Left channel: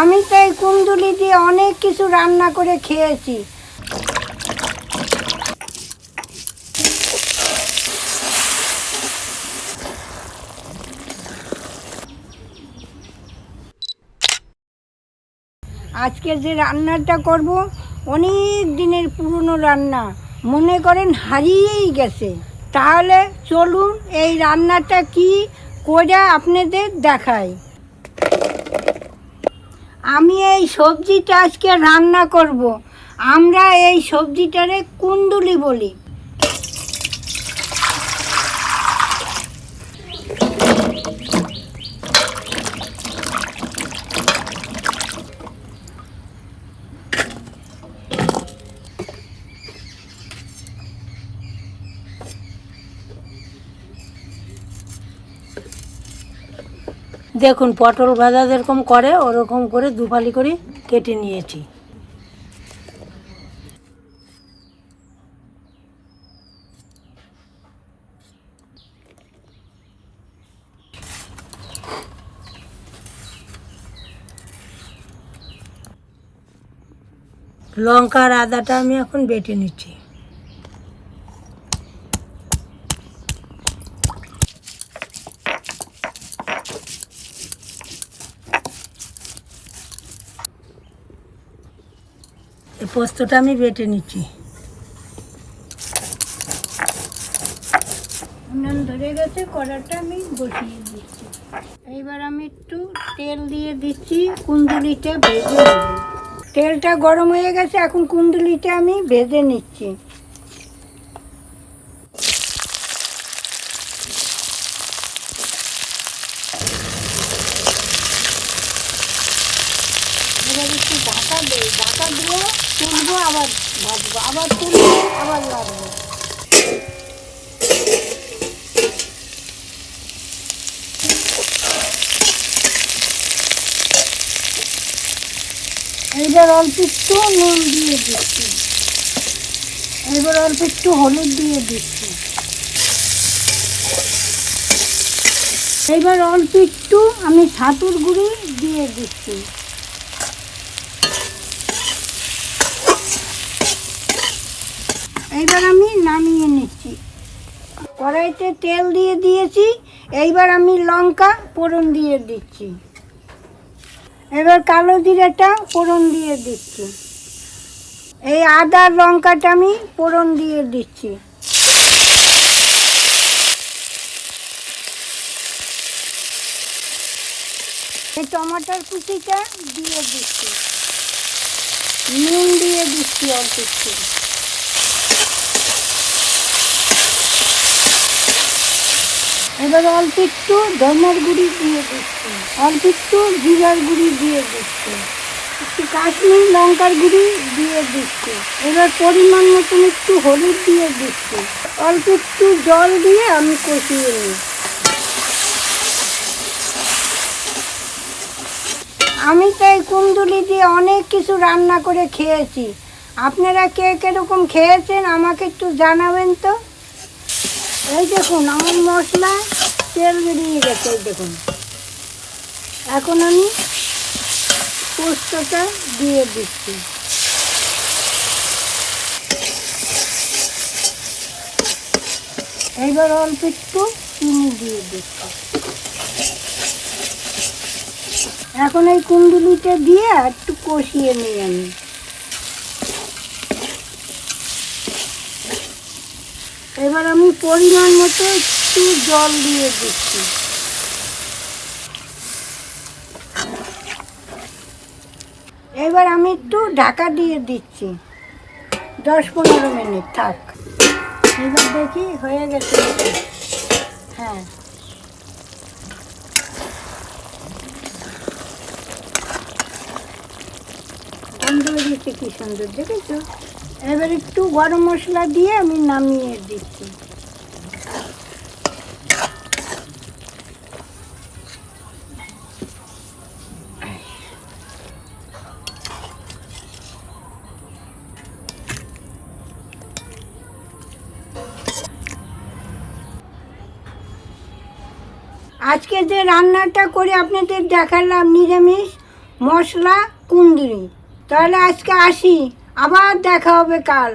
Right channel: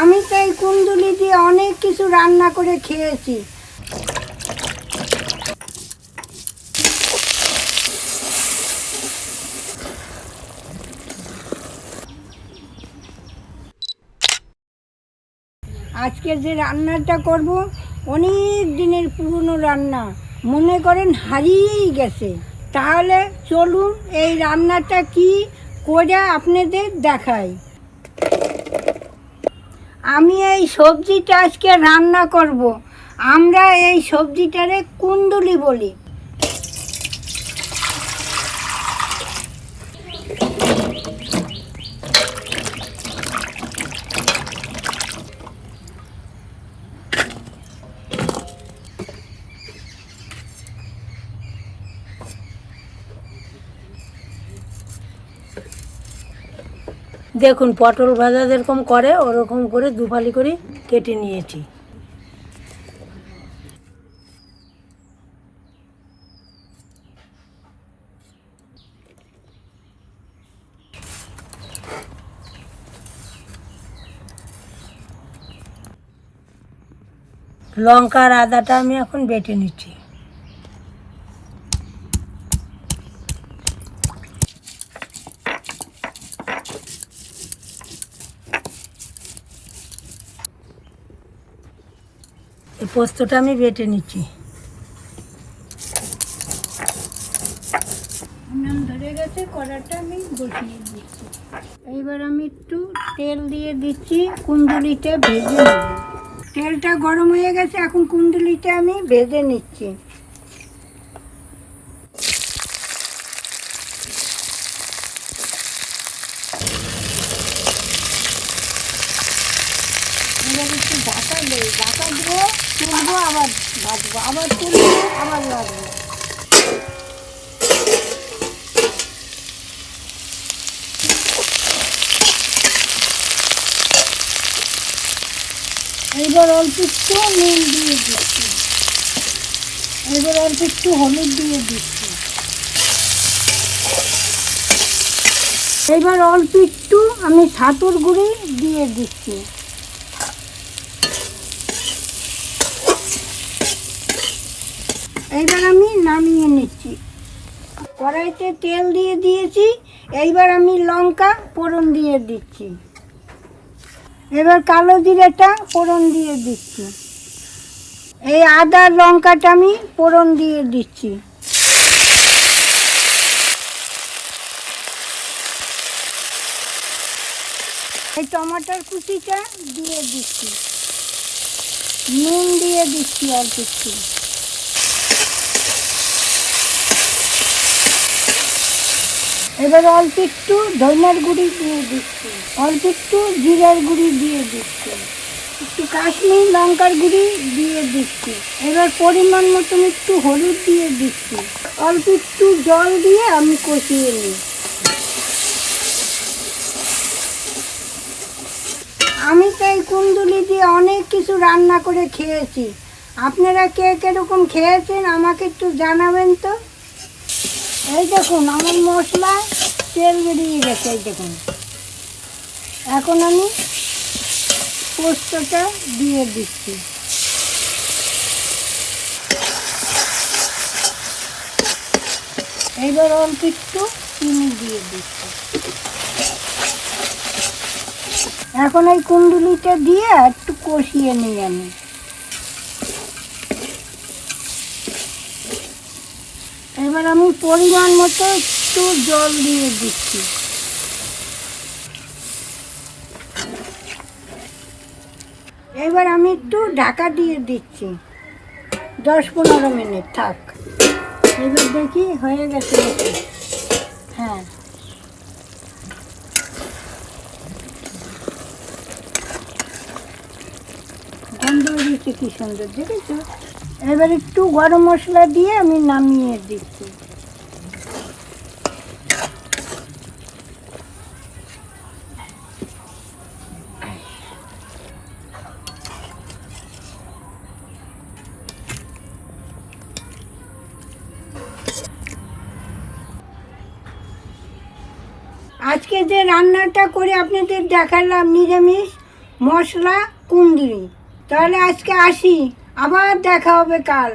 আমি তো এই কুন্দুলি দিয়ে অনেক কিছু রান্না করে খেয়েছি। আজকে যে রান্নাটা করব, অনেক দিনের পুরনো রান্না। মনে করেন হারিয়েই গেছে। তাহলে চলুন এই রান্নাটা কি করে আপনাদের দেখাই। আমি এই সবজিটা আজকে রান্না করব। আমরা এই সবজিটারে কুন্দুলি বলি। দেখুন, পটল ভাজা যেরকম করে, ওরকম করে দুফালি করে কেটে নিয়েছি। লঙ্কার আদাটা আমি এখন বেটে নিচ্ছি। এই পোস্তটা আমি বেটে নিচ্ছি। উনান ধরে গেছে, কড়াটা আমি বসিয়ে দিচ্ছি। এইবার আমি একটু তেল দিয়ে দিচ্ছি, কুন্দুলিটা ভেজে তেলটা গরম হয়ে গেছে, এখন কুন্দুলিটা আমি ভেজে নিচ্ছি এবার একটু ঢাকা দেই ঢাকা দিয়ে তুলবো এবার অল্প একটু নুন দিয়ে দিচ্ছি। এবার অল্প একটু হলুদ দিয়ে দিচ্ছি। এবার অল্প একটু আমি ছাতুর গুঁড়ি দিয়ে দিচ্ছি। এইবার আমি নামিয়ে নিচ্ছি। কড়াইতে তেল দিয়ে দিয়েছি, এইবার আমি লঙ্কা ফোড়ন দিয়ে দিচ্ছি। এবার কালো জিরাটা ফোড়ন দিয়ে দিচ্ছি। এই আদা লঙ্কাটা আমি ফোড়ন দিয়ে দিচ্ছি। এই টমাটোর কুচিটা দিয়ে দিচ্ছি। নুন দিয়ে দিচ্ছি অল্প একটু। এবার অল্প একটু ধনের গুঁড়ি দিয়ে দিচ্ছি। অল্প একটু জিরার গুঁড়ি দিয়ে দিচ্ছি। একটু কাশ্মীর লঙ্কার গুঁড়ি দিয়ে দিচ্ছি। এবার পরিমাণ মতন একটু হলুদ দিয়ে দিচ্ছি। অল্প একটু জল দিয়ে আমি কষিয়ে নিই আমি তো এই কুন্দুলি দিয়ে অনেক কিছু রান্না করে খেয়েছি। আপনারা কে কীরকম খেয়েছেন আমাকে একটু জানাবেন তো? এই দেখুন, আমার মশলা তেল বেরিয়ে গেছে, এই দেখুন। এখন আমি পোস্তটা দিয়ে দিচ্ছি। এবার অল্প একটু চিনি দিয়ে দিচ্ছি। এখন এই কুন্দুলিটা দিয়ে একটু কষিয়ে নিই। আমি এবার আমি পরিমাণ মতো একটু জল দিয়ে দিচ্ছি। এবার আমি একটু ঢাকা দিয়ে দিচ্ছি। দশ পনেরো মিনিট থাক। এবার দেখি হয়ে গেছে হ্যাঁ। কি সুন্দর, দেখেছ? এবার একটু গরম মশলা দিয়ে আমি নামিয়ে দিচ্ছি। আজকে যে রান্নাটা করে আপনাদের দেখালাম নিরামিষ মশলা কুন্দুরি। তাহলে আজকে আসি। আবার দেখা হবে কাল।